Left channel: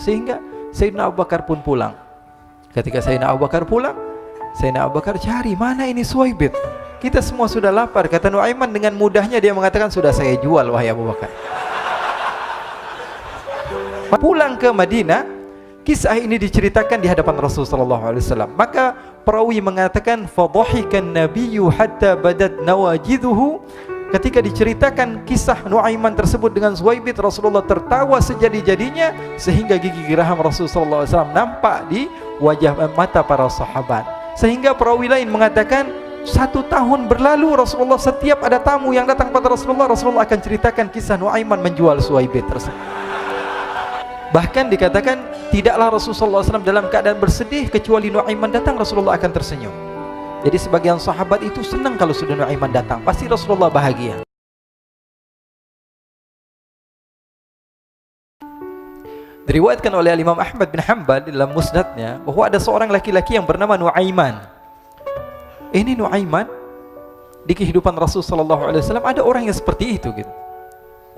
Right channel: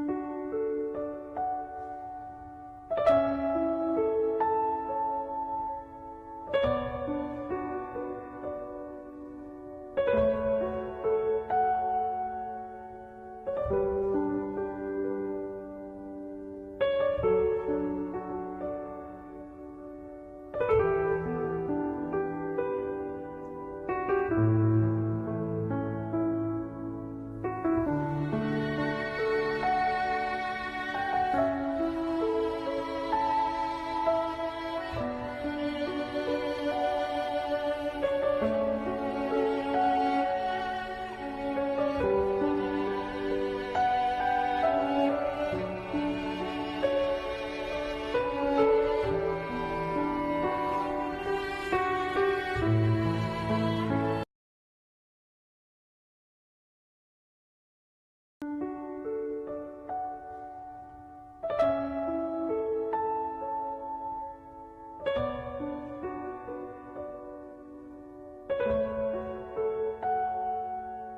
Sehingga Sayyidina Abu Bakar pun pulang. Ketika Sayyidina Abu Bakar pulang, Sayyidina Abu Bakar cari, mana ini Suwaibit? Kita semua sudah lapar. Kata Nuaiman dengan mudahnya dia mengatakan, sudah saya jual wahai Abu Bakar. Pulang ke Madinah, kisah ini diceritakan di hadapan Rasulullah SAW. Maka perawi mengatakan, fadhahikan nabiyyu hatta badat nawajiduhu. Ketika diceritakan kisah Nuaiman tersebut dengan Suwaibit, Rasulullah tertawa sejadi-jadinya sehingga gigi geraham Rasulullah SAW nampak di wajah mata para sahabat. Sehingga perawi lain mengatakan 1 tahun berlalu Rasulullah setiap ada tamu yang datang pada Rasulullah, Rasulullah akan ceritakan kisah Nuaiman menjual Suwaibit tersebut. Bahkan dikatakan tidaklah Rasulullah SAW dalam keadaan bersedih kecuali Nuaiman datang Rasulullah akan tersenyum. Jadi sebagian sahabat itu senang kalau sudah Nuaiman datang, pasti Rasulullah bahagia. Diriwayatkan oleh Imam Ahmad bin Hanbal dalam musnadnya bahwa ada seorang laki-laki yang bernama Nuaiman. Ini Nuaiman di kehidupan Rasulullah SAW ada orang yang seperti itu gitu.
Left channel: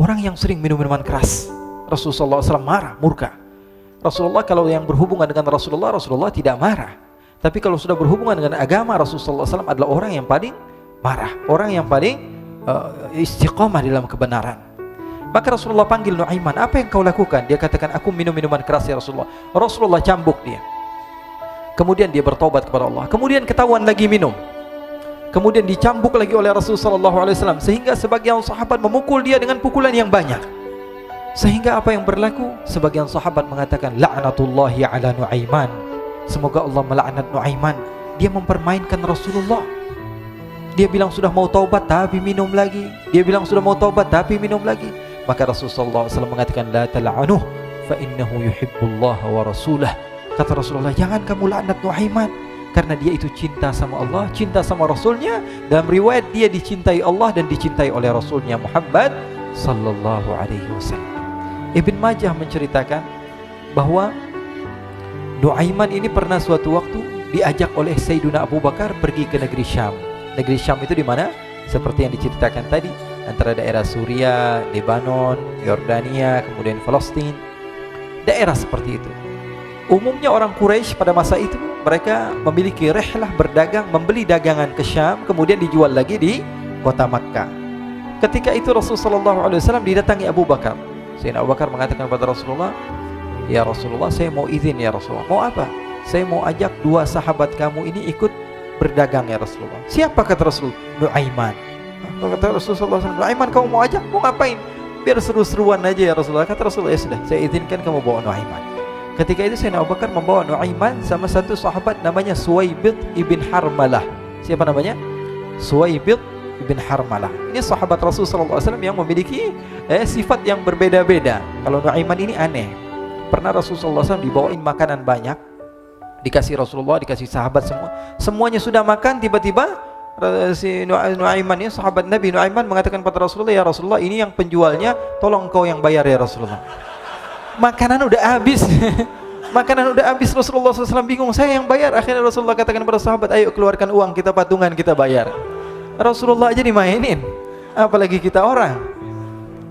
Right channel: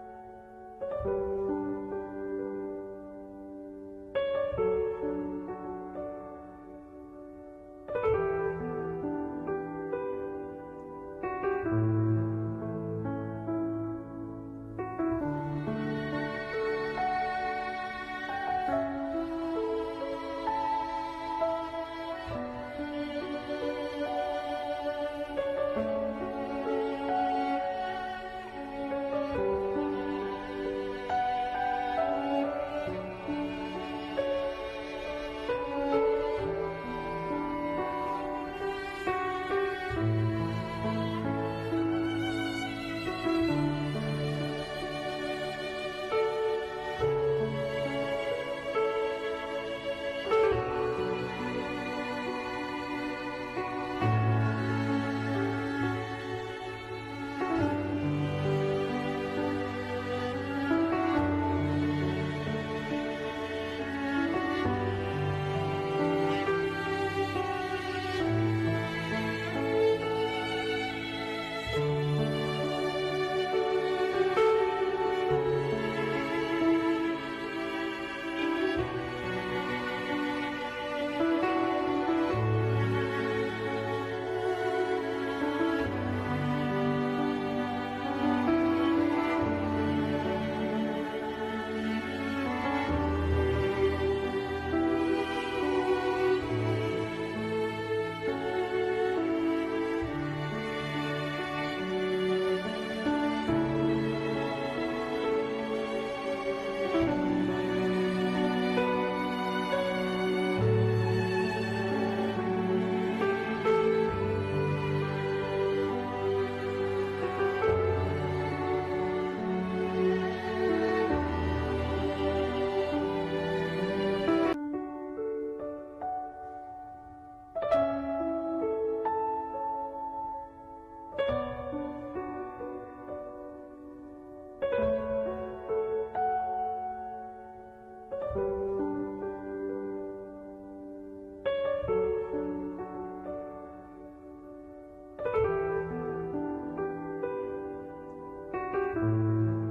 Orang yang sering minum minuman keras. Rasulullah SAW marah, murka. Rasulullah kalau yang berhubungan dengan Rasulullah tidak marah. Tapi kalau sudah berhubungan dengan agama, Rasulullah SAW adalah orang yang paling marah, orang yang paling istiqamah dalam kebenaran. Maka Rasulullah panggil Nuaiman, apa yang kau lakukan? Dia katakan, aku minum minuman keras ya Rasulullah. Rasulullah cambuk dia. Kemudian dia bertobat kepada Allah. Kemudian ketahuan lagi minum. Kemudian dicambuk lagi oleh Rasulullah SAW. Sehingga sebagian sahabat memukul dia dengan pukulan yang banyak. Sehingga apa yang berlaku? Sebagian sahabat mengatakan, la'natullahi ala Nuaiman. Semoga Allah melaknat Nuaiman. Dia mempermainkan Rasulullah. Dia bilang sudah mau taubat tapi minum lagi. Dia bilang sudah mau taubat tapi minum lagi. Maka Rasulullah SAW mengatakan, la tal'anuh fa innahu yuhibbullah wa rasulah. Kata Rasulullah, jangan kamu laknat Nuaiman, karena dia itu cinta sama Allah, cinta sama Rasulnya. Dalam riwayat dia dicintai Allah dan dicintai oleh Rasulnya Muhammad sallallahu alaihi wasallam. Ibn Majah menceritakan bahwa Nuaiman ini pernah suatu waktu diajak oleh Sayyidina Abu Bakar pergi ke negeri Syam. Negeri Syam itu di mana? Seperti yang diceritakan tadi, antara daerah Suriah, Lebanon, Yordania, kemudian Palestina. Daerah seperti itu. Umumnya orang Quraisy pada masa itu mereka memiliki rihlah berdagang, membeli dagangan ke Syam, kemudian dijual lagi di kota Makkah. Ketika itu Rasulullah SAW didatangi Abu Bakar. Sayyidina Abu Bakar mengatakan kepada Rasulullah, ya Rasulullah, saya mau izin ya Rasulullah. Mau apa? Saya mau ajak 2 sahabat kamu ini ikut berdagang ya Rasulullah. Siapa kata Rasul? Nuaiman. Kata Rasulullah SAW, Nuaiman kamu mau ajak? Mau ngapain? Biar seru-seruan aja ya Rasulullah. Kata Rasulullah, ya sudah, saya izinkan kamu bawa Nuaiman. Ketika itu Sayyidina Abu Bakar membawa Nuaiman sama satu sahabat namanya Suwaibit ibn Harmalah. Siapa namanya? Suwaibit ibn Harmalah. Ini sahabat Rasulullah SAW yang memiliki sifat yang berbeda-beda. Kalau Nuaiman ini aneh. Pernah Rasulullah SAW dibawain makanan banyak, dikasih Rasulullah, dikasih sahabat semua. Semuanya sudah makan, tiba-tiba si Nuaiman ini, sahabat Nabi Nuaiman mengatakan kepada Rasulullah, ya Rasulullah, ini yang penjualnya, tolong kau yang bayar ya Rasulullah. Makanan udah habis. Makanan udah habis, Rasulullah SAW bingung, saya yang bayar. Akhirnya Rasulullah katakan kepada sahabat, ayo keluarkan uang, kita patungan, kita bayar. Rasulullah aja dimainin, apalagi kita orang.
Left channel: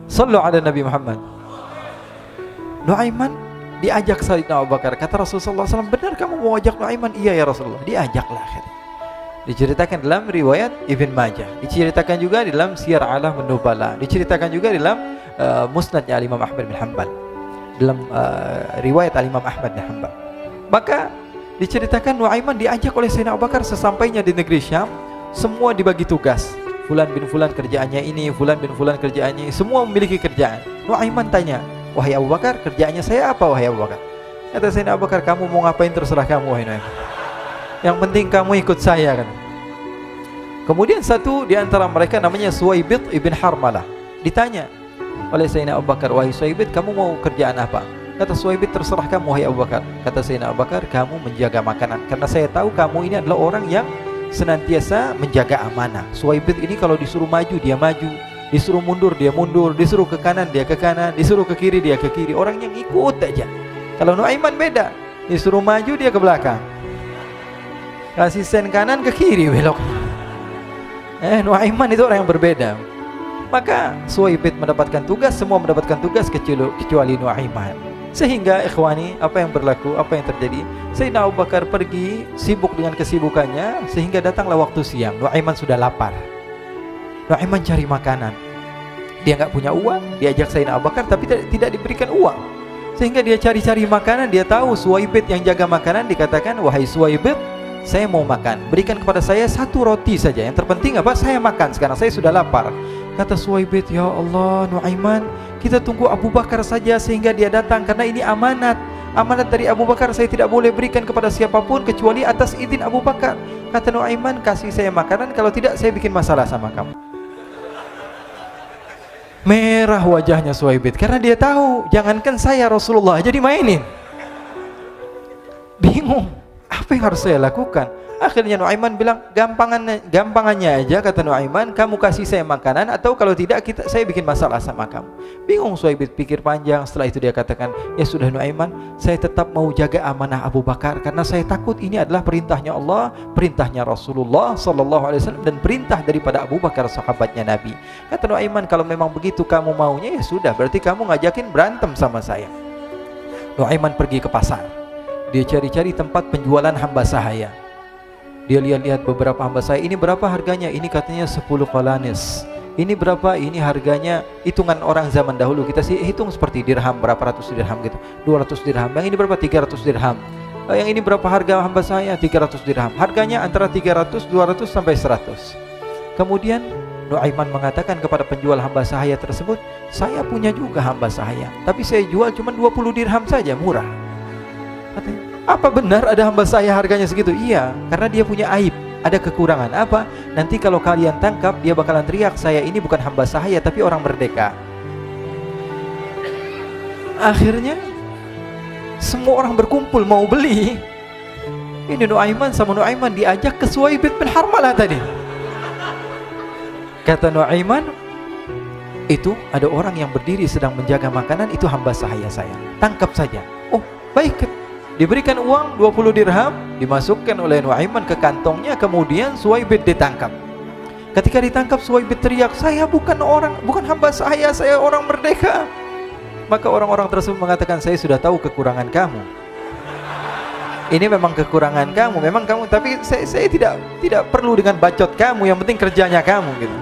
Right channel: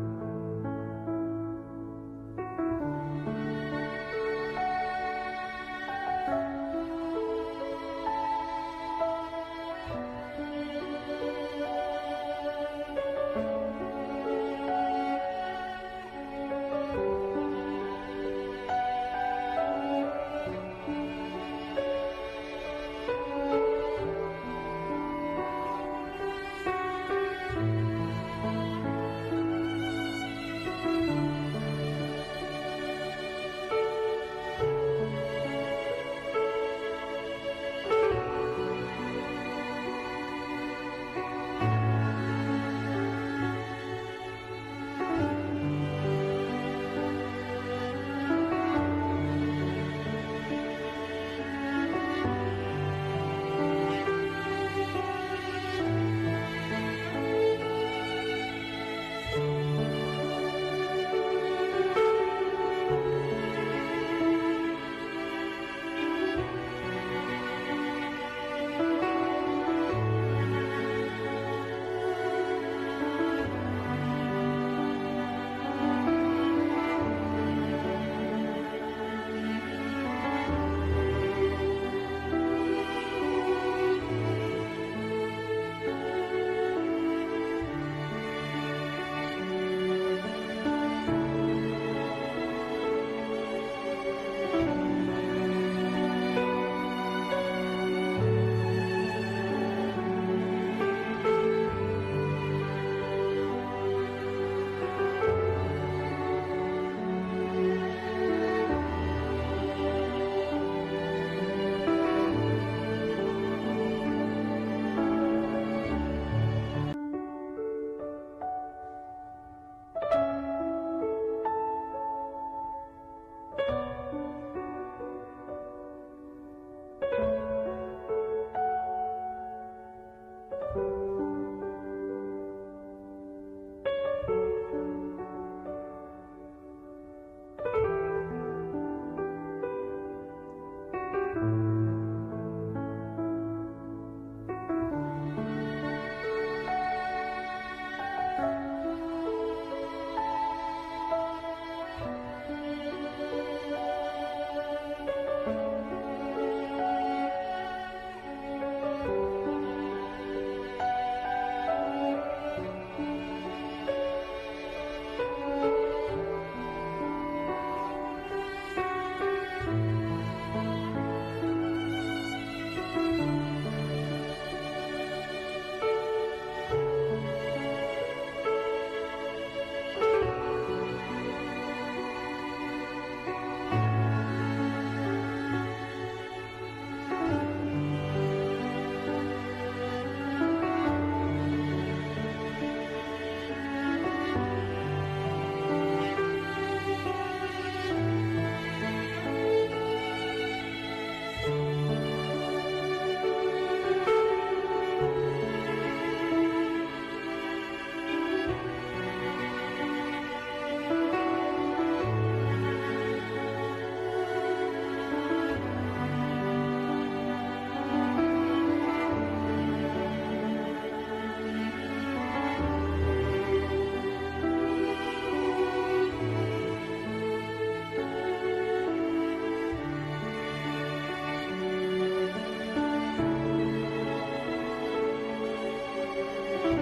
Sallu ala Nabi Muhammad. Nuaiman diajak Sayyidina Abu Bakar. Kata Rasulullah SAW, benar kamu mau ajak Nuaiman? Iya ya Rasulullah. Diajaklah akhirnya. Diceritakan dalam riwayat Ibn Majah, diceritakan juga dalam Siyar A'lam An-Nubala, diceritakan juga dalam musnadnya Imam Ahmad bin Hanbal, dalam riwayat Imam Ahmad bin Hanbal. Maka diceritakan Nuaiman diajak oleh Sayyidina Abu Bakar. Sesampainya di negeri Syam, semua dibagi tugas. Fulan bin Fulan kerjaannya ini, Fulan bin Fulan kerjaannya ini, semua memiliki kerjaan. Nuaiman tanya, wahai Abu Bakar, kerjaannya saya apa wahai Abu Bakar? Kata Sayyidina Abu Bakar, kamu mau ngapain terserah kamu wahai Nuaiman. Yang penting kamu ikut saya kan. Kemudian satu di antara mereka namanya Suwaibit ibn Harmalah. Ditanya oleh Sayyidina Abu Bakar, wahai Suwaibit, kamu mau kerjaan apa? Kata Suwaibit, terserah kamu wahai Abu Bakar. Kata Sayyidina Abu Bakar, kamu menjaga makanan, karena saya tahu kamu ini adalah orang yang senantiasa menjaga amanah. Suwaibit ini kalau disuruh maju dia maju, disuruh mundur dia mundur, disuruh ke kanan dia ke kanan, disuruh ke kiri dia ke kiri. Orang yang ikut aja. Kalau Nuaiman beda, disuruh maju dia ke belakang, kasih sen kanan ke kiri belok. Nuaiman itu orang yang berbeda. Maka Suwaibit mendapatkan tugas, semua mendapatkan tugas kecuali Nuaiman. Sehingga ikhwani, apa yang berlaku, apa yang terjadi? Sayyidina Abu Bakar pergi sibuk dengan kesibukannya, sehingga datanglah waktu siang. Nuaiman sudah lapar. Nuaiman cari makanan. Dia nggak punya uang, diajak Sayyidina Abu Bakar tapi tidak diberikan uang. Sehingga dia cari-cari makanan, dia tahu Suwaibit yang jaga makanan, dikatakan, "Wahai Suwaibit, saya mau makan, berikan kepada saya 1 roti saja. Yang terpenting apa? Saya makan sekarang, saya sudah lapar." Kata Suwaibit, "Ya Allah, Nuaiman, kita tunggu Abu Bakar saja sehingga dia datang, karena ini amanat. Amanat dari Abu Bakar, saya tidak boleh berikan kepada siapapun kecuali atas izin Abu Bakar." Kata Nuaiman, "Kasih saya makanan, kalau tidak saya bikin masalah sama kamu." Merah wajahnya Suwaibit karena dia tahu, jangankan saya, Rasulullah jadi mainin. Bingung, apa yang harus saya lakukan? Akhirnya Nuaiman bilang, gampangannya aja, kata Nuaiman, kamu kasih saya makanan, atau kalau tidak saya bikin masalah sama kamu. Bingung Suwaibit, pikir panjang. Setelah itu dia katakan, ya sudah Nuaiman, saya tetap mau jaga amanah Abu Bakar, karena saya takut ini adalah perintahnya Allah, perintahnya Rasulullah SAW, dan perintah daripada Abu Bakar, sahabatnya Nabi. Kata Nuaiman, kalau memang begitu kamu maunya, ya sudah, berarti kamu ngajakin berantem sama saya. Nuaiman pergi ke pasar. Dia cari-cari tempat penjualan hamba sahaya. Dia lihat-lihat beberapa hamba sahaya. Ini berapa harganya? Ini katanya 10 qalanis. Ini berapa? Ini harganya, hitungan orang zaman dahulu, kita sih hitung seperti dirham, berapa ratus dirham gitu, 200 dirham. Yang ini berapa? 300 dirham. Yang ini berapa harga hamba sahaya? 300 dirham. Harganya antara 300, 200 sampai 100. Kemudian Nuaiman mengatakan kepada penjual hamba sahaya tersebut, saya punya juga hamba sahaya, tapi saya jual cuma 20 dirham saja, murah. Apa benar ada hamba saya harganya segitu? Iya, karena dia punya aib, ada kekurangan. Apa? Nanti kalau kalian tangkap, dia bakalan teriak, saya ini bukan hamba sahaya tapi orang merdeka. Akhirnya semua orang berkumpul mau beli. Ini Nuaiman sama Nuaiman diajak ke Suwaibit bin Harmalah tadi. Kata Nuaiman, itu ada orang yang berdiri sedang menjaga makanan, itu hamba sahaya saya, tangkap saja. Oh baik. Diberikan uang 20 dirham, dimasukkan oleh Nuaiman ke kantongnya, kemudian Suwaibit ditangkap. Ketika ditangkap, Suwaibit teriak, saya bukan hamba saya orang merdeka. Maka orang-orang tersebut mengatakan, saya sudah tahu kekurangan kamu. Ini memang kekurangan kamu, memang kamu, tapi saya tidak perlu dengan bacot kamu, yang penting kerjanya kamu gitu.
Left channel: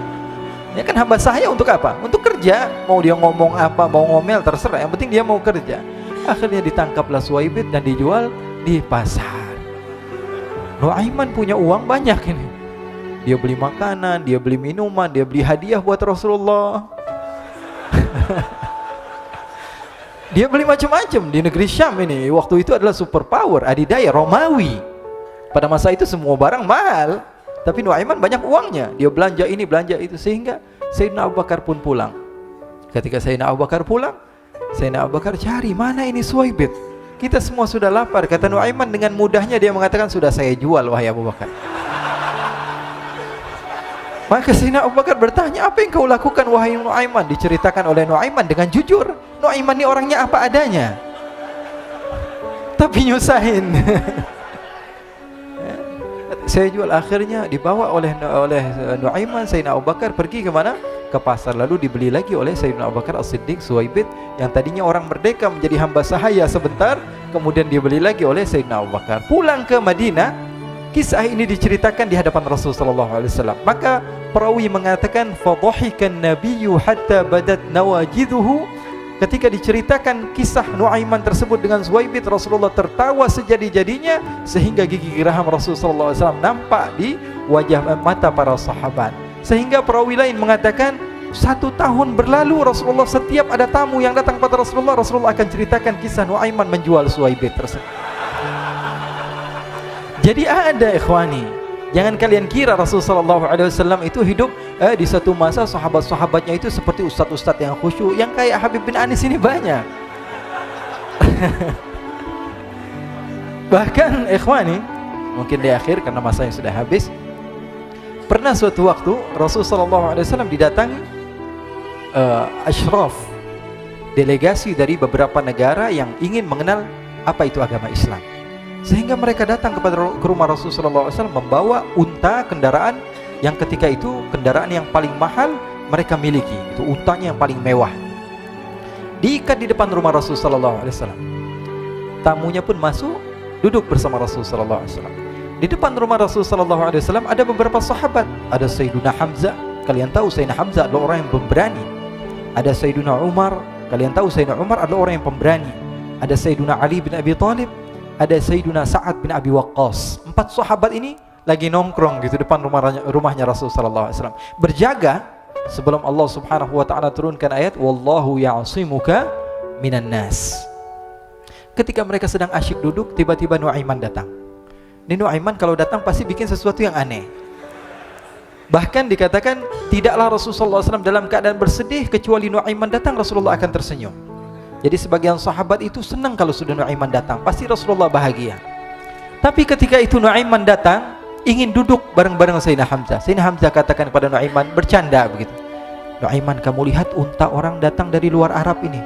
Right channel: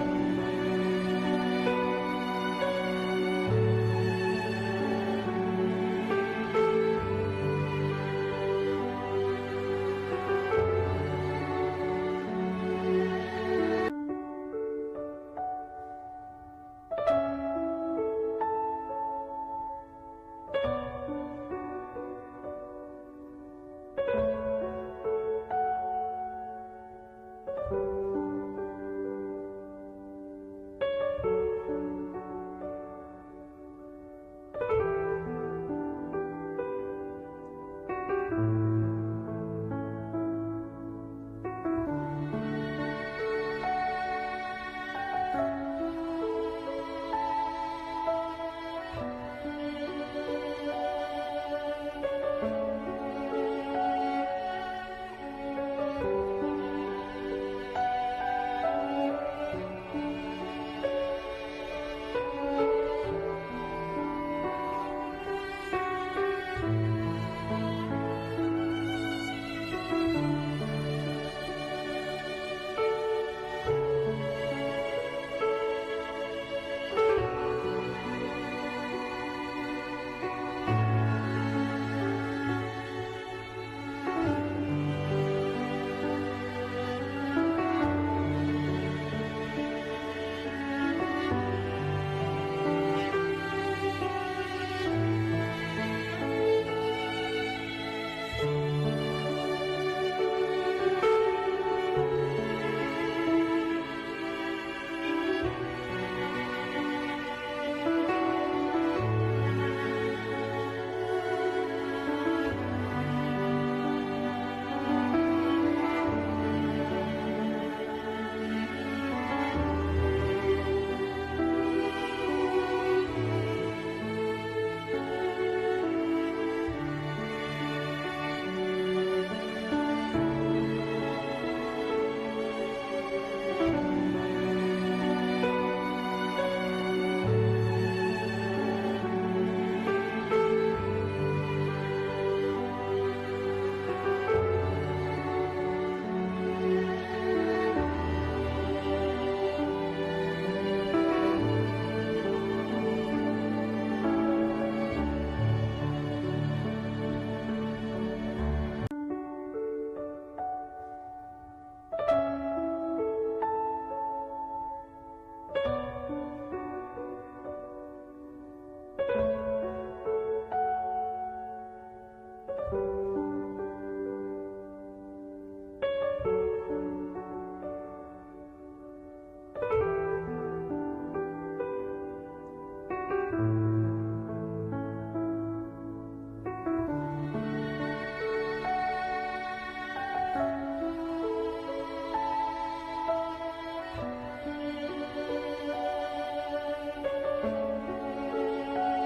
Ya kan hamba saya untuk apa? Untuk kerja. Mau dia ngomong apa, mau ngomel terserah, yang penting dia mau kerja. Akhirnya ditangkaplah Suwaibit dan dijual di pasar. Nuaiman punya uang banyak ini. Dia beli makanan, dia beli minuman, dia beli hadiah buat Rasulullah. Dia beli macam-macam di negeri Syam ini. Waktu itu adalah superpower, adidaya Romawi. Pada masa itu semua barang mahal, tapi Nuaiman banyak uangnya. Dia belanja ini, belanja itu, sehingga Sayyidina Abu Bakar pun pulang. Ketika Sayyidina Abu Bakar pulang, Sayyidina Abu Bakar cari, mana ini Suwaibit? Kita semua sudah lapar. Kata Nuaiman dengan mudahnya dia mengatakan, sudah saya jual wahai Abu Bakar. Maka Sayyidina Abu Bakar bertanya, apa yang kau lakukan wahai Nuaiman? Diceritakan oleh Nuaiman dengan jujur. Nuaiman ini orangnya apa adanya, tapi nyusahin. Saya jual. Akhirnya dibawa oleh Nuaiman, Sayyidina Abu Bakar pergi ke mana? Ke pasar, lalu dibeli lagi oleh Sayyidina Abu Bakar As-Siddiq. Suwaibit yang tadinya orang merdeka menjadi hamba sahaya sebentar, kemudian dibeli lagi oleh Sayyidina Abu Bakar. Pulang ke Madinah, kisah ini diceritakan di hadapan Rasulullah SAW. Maka perawi mengatakan, fadhahikan nabiyyu hatta badat nawajiduhu. Ketika diceritakan kisah Nuaiman tersebut dengan Suwaibit, Rasulullah tertawa sejadi-jadinya sehingga gigi geraham Rasulullah SAW nampak di wajah mata para sahabat. Sehingga perawi lain mengatakan 1 tahun berlalu, Rasulullah setiap ada tamu yang datang pada Rasulullah, Rasulullah akan ceritakan kisah Nuaiman menjual Suwaibit tersebut. Jadi ada ikhwani, jangan kalian kira Rasulullah SAW itu hidup di satu masa sahabat-sahabatnya itu seperti ustadz-ustadz yang khusyuk, yang kayak Habib bin Anis ini banyak. Bahkan ikhwani, mungkin di akhir karena masanya sudah habis, pernah suatu waktu Rasulullah SAW didatangi asyraf, delegasi dari beberapa negara yang ingin mengenal apa itu agama Islam. Sehingga mereka datang ke rumah Rasulullah SAW membawa unta, kendaraan yang ketika itu kendaraan yang paling mahal mereka miliki, itu untanya yang paling mewah. diikat di depan rumah Rasul sallallahu alaihi wasallam. Tamunya pun masuk, duduk bersama Rasul sallallahu alaihi wasallam. Di depan rumah Rasul sallallahu alaihi wasallam ada beberapa sahabat. Ada Sayyiduna Hamzah. Kalian tahu Sayyidina Hamzah adalah orang yang pemberani. Ada Sayyiduna Umar. Kalian tahu Sayyidina Umar adalah orang yang pemberani. Ada Sayyiduna Ali bin Abi Thalib. Ada Sayyiduna Sa'ad bin Abi Waqqas. 4 sahabat ini lagi nongkrong gitu depan rumahnya Rasul sallallahu alaihi wasallam. Berjaga sebelum Allah Subhanahu wa taala turunkan ayat wallahu ya'simuka minan nas. Ketika mereka sedang asyik duduk, tiba-tiba Nuaiman datang. Ini Nuaiman kalau datang pasti bikin sesuatu yang aneh. Bahkan dikatakan tidaklah Rasulullah SAW dalam keadaan bersedih kecuali Nuaiman datang Rasulullah akan tersenyum. Jadi sebagian sahabat itu senang kalau sudah Nuaiman datang, pasti Rasulullah bahagia. Tapi ketika itu Nuaiman datang ingin duduk bareng-bareng Sayyidina Hamzah. Sayyidina Hamzah katakan kepada Nuaiman, bercanda begitu. Nuaiman, kamu lihat unta orang datang dari luar Arab ini.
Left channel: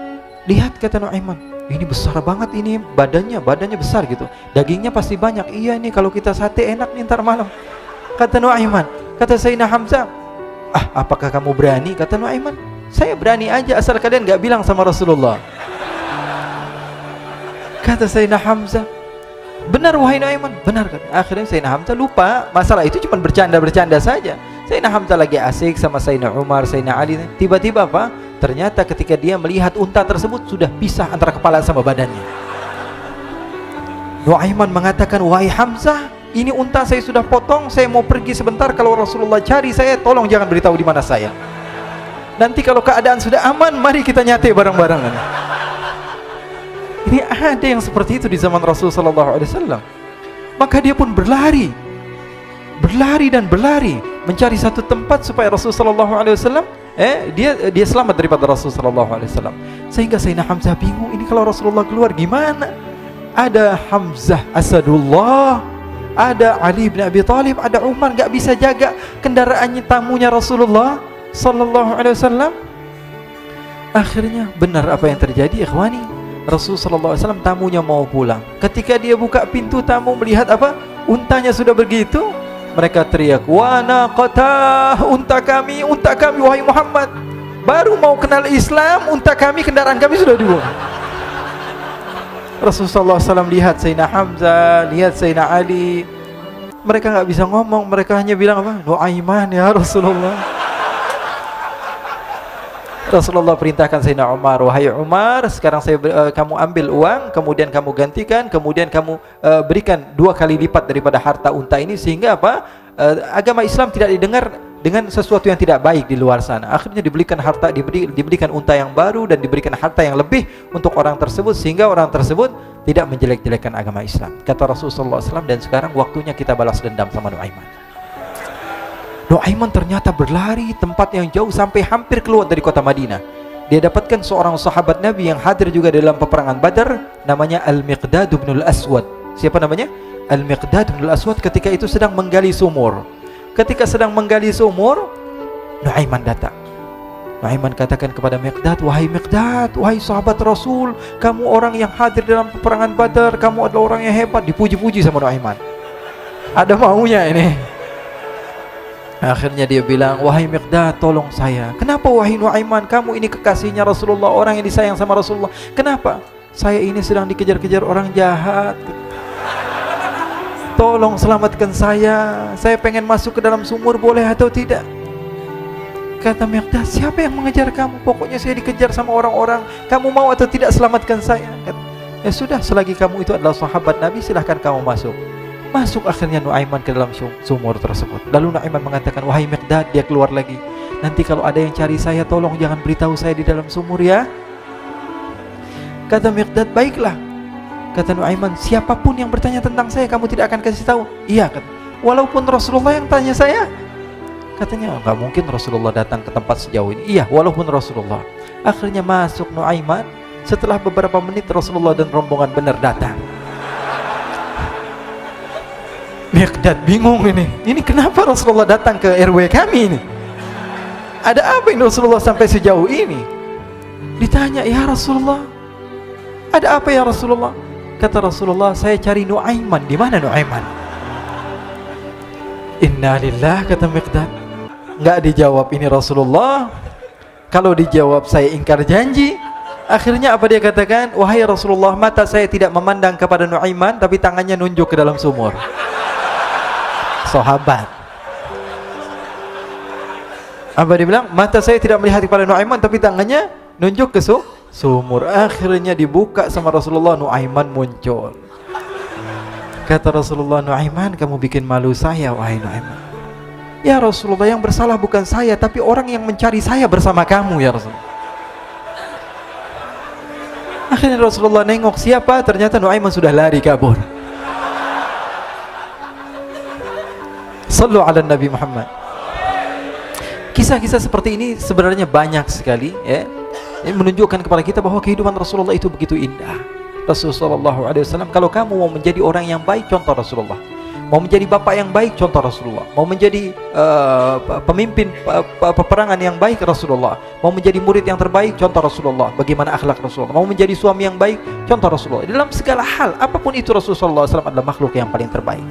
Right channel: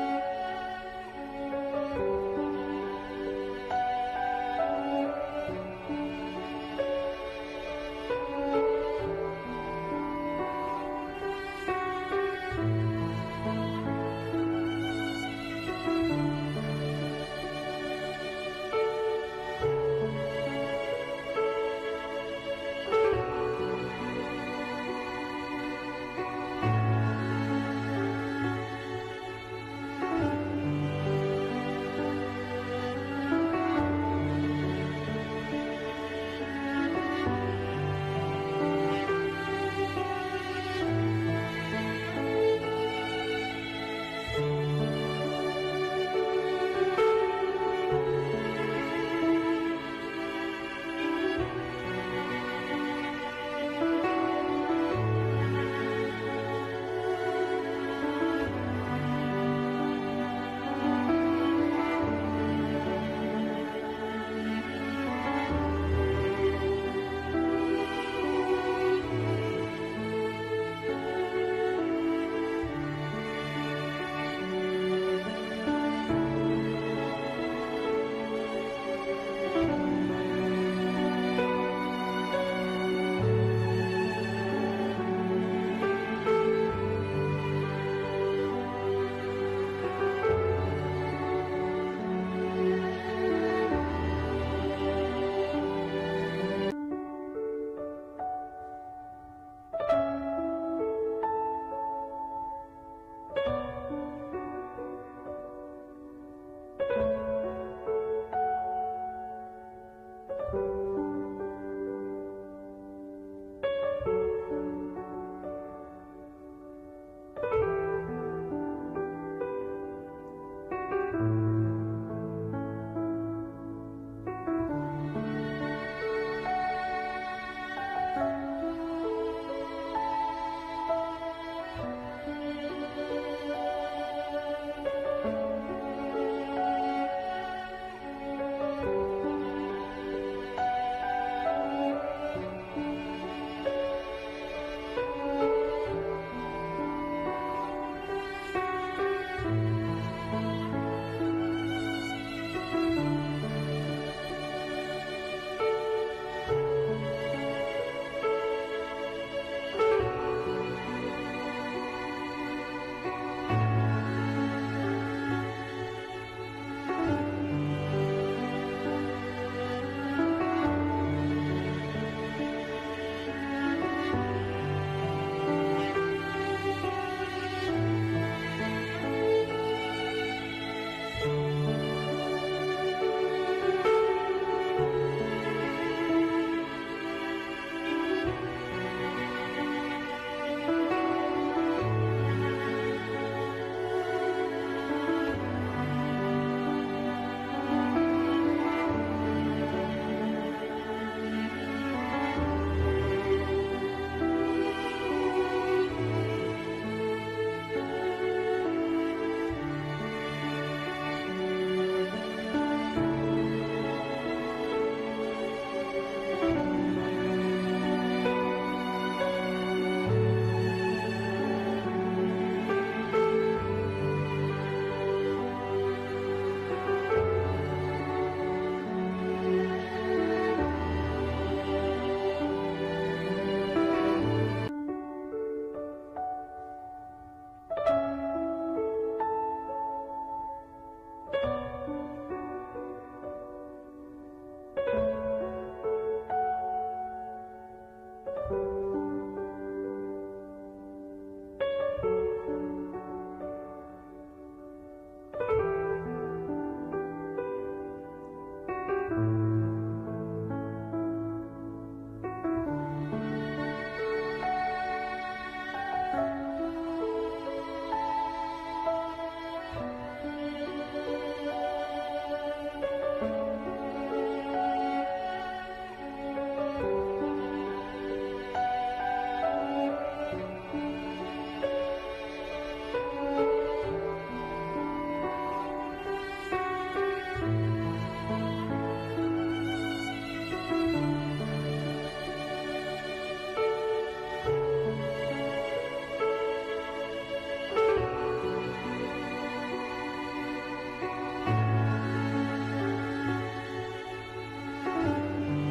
Lihat, kata Nuaiman, ini besar banget ini, badannya besar gitu. Dagingnya pasti banyak. Iya nih kalau kita sate enak nih ntar malam. Kata Nuaiman. Kata Sayyidina Hamzah, apakah kamu berani? Kata Nuaiman, saya berani aja asal kalian gak bilang sama Rasulullah. Kata Sayyidina Hamzah, benar wahai Nuaiman, benar kan? Akhirnya Sayyidina Hamzah lupa masalah itu, cuma bercanda-bercanda saja. Sayyidina Hamzah lagi asik sama Sayyidina Umar, Sayyidina Ali. Tiba-tiba apa? Ternyata ketika dia melihat unta tersebut sudah pisah antara kepala sama badannya. Nuaiman mengatakan, wahai Hamzah, ini unta saya sudah potong, saya mau pergi sebentar. Kalau Rasulullah cari saya, tolong jangan beritahu di mana saya. Nanti kalau keadaan sudah aman, mari kita nyate bareng-bareng. Ini ada yang seperti itu di zaman Rasul sallallahu alaihi wasallam. Maka dia pun berlari dan berlari mencari satu tempat supaya Rasul sallallahu alaihi wasallam dia selamat daripada Rasul sallallahu alaihi wasallam. Sehingga Sayyidina Hamzah bingung, ini kalau Rasulullah keluar gimana? Ada Hamzah Asadullah, ada Ali bin Abi Thalib, ada Umar, gak bisa jaga kendaraannya tamunya Rasulullah sallallahu alaihi wasallam. Akhirnya benar apa yang terjadi, ikhwani. Rasul sallallahu alaihi wasallam tamunya mau pulang. Ketika dia buka pintu tamu melihat apa? Untanya sudah begitu. Mereka teriak, wa naqatah, unta kami wahai Muhammad. Baru mau kenal Islam, unta kami, kendaraan kami sudah dibuang. Rasulullah SAW lihat Sayyidina Hamzah, lihat Sayyidina Ali. Mereka gak bisa ngomong, mereka hanya bilang apa? Nuaiman ya Rasulullah. Rasulullah perintahkan Sayyidina Umar, wahai Umar, sekarang kamu ambil uang, kemudian kamu gantikan, kemudian kamu berikan 2 kali lipat daripada harta unta ini, sehingga apa? Agama Islam tidak didengar dengan sesuatu yang tidak baik di luar sana. Akhirnya diberikan harta, diberikan unta yang baru dan diberikan harta yang lebih untuk orang tersebut, sehingga orang tersebut tidak menjelek-jelekan agama Islam. Kata Rasulullah SAW, dan sekarang waktunya kita balas dendam sama Nuaiman. Nuaiman ternyata berlari tempat yang jauh sampai hampir keluar dari kota Madinah. Dia dapatkan seorang sahabat Nabi yang hadir juga dalam peperangan Badar, namanya Al-Miqdad bin Al-Aswad. Siapa namanya? Al-Miqdad bin Al-Aswad ketika itu sedang menggali sumur. Ketika sedang menggali sumur, Nuaiman datang. Nuaiman katakan kepada Miqdad, wahai Miqdad, wahai sahabat Rasul, kamu orang yang hadir dalam peperangan Badar, kamu adalah orang yang hebat. Dipuji-puji sama Nuaiman. Ada maunya ini. Akhirnya dia bilang, wahai Miqdad, tolong saya. Kenapa wahai Nuaiman, kamu ini kekasihnya Rasulullah, orang yang disayang sama Rasulullah. Kenapa? Saya ini sedang dikejar-kejar orang jahat. Tolong selamatkan saya. Saya pengen masuk ke dalam sumur, boleh atau tidak? Kata Miqdad, siapa yang mengejar kamu? Pokoknya saya dikejar sama orang-orang. Kamu mau atau tidak selamatkan saya? Ya sudah, selagi kamu itu adalah sahabat Nabi, silahkan kamu masuk. Masuk akhirnya Nuaiman ke dalam sumur tersebut. Lalu Nuaiman mengatakan, wahai Miqdad, dia keluar lagi. Nanti kalau ada yang cari saya, tolong jangan beritahu saya di dalam sumur ya. Kata Miqdad, baiklah. Kata Nuaiman, siapapun yang bertanya tentang saya, kamu tidak akan kasih tahu? Iya, kata. Walaupun Rasulullah yang tanya saya? Katanya, enggak mungkin Rasulullah datang ke tempat sejauh ini. Iya, walaupun Rasulullah. Akhirnya masuk Nuaiman. Setelah beberapa menit Rasulullah dan rombongan benar datang. Miqdad bingung ini. Ini kenapa Rasulullah datang ke RW kami ini? Ada apa ini Rasulullah sampai sejauh ini? Ditanya, ya Rasulullah, ada apa ya Rasulullah? Kata Rasulullah, saya cari Nuaiman. Di mana Nuaiman? Innalillah, kata Miqdad. Enggak dijawab ini Rasulullah. Kalau dijawab saya ingkar janji. Akhirnya apa dia katakan? Wahai Rasulullah, mata saya tidak memandang kepada Nuaiman, tapi tangannya nunjuk ke dalam sumur. Sahabat. Apa dia bilang? Mata saya tidak melihat kepada Nuaiman, tapi tangannya nunjuk ke sumur. Akhirnya dibuka sama Rasulullah, Nuaiman muncul. Kata Rasulullah, Nuaiman, kamu bikin malu saya, wahai Nuaiman. Ya Rasulullah, yang bersalah bukan saya, tapi orang yang mencari saya bersama kamu, ya Rasulullah. Akhirnya Rasulullah nengok, siapa? Ternyata Nuaiman sudah lari kabur. Sallu ala Nabi Muhammad. Kisah-kisah seperti ini sebenarnya banyak sekali, ya. Ini menunjukkan kepada kita bahwa kehidupan Rasulullah itu begitu indah. Rasulullah SAW, kalau kamu mau menjadi orang yang baik, contoh Rasulullah. Mau menjadi bapak yang baik, contoh Rasulullah. Mau menjadi pemimpin peperangan yang baik, Rasulullah. Mau menjadi murid yang terbaik, contoh Rasulullah. Bagaimana akhlak Rasulullah. Mau menjadi suami yang baik, contoh Rasulullah. Dalam segala hal, apapun itu, Rasulullah SAW adalah makhluk yang paling terbaik.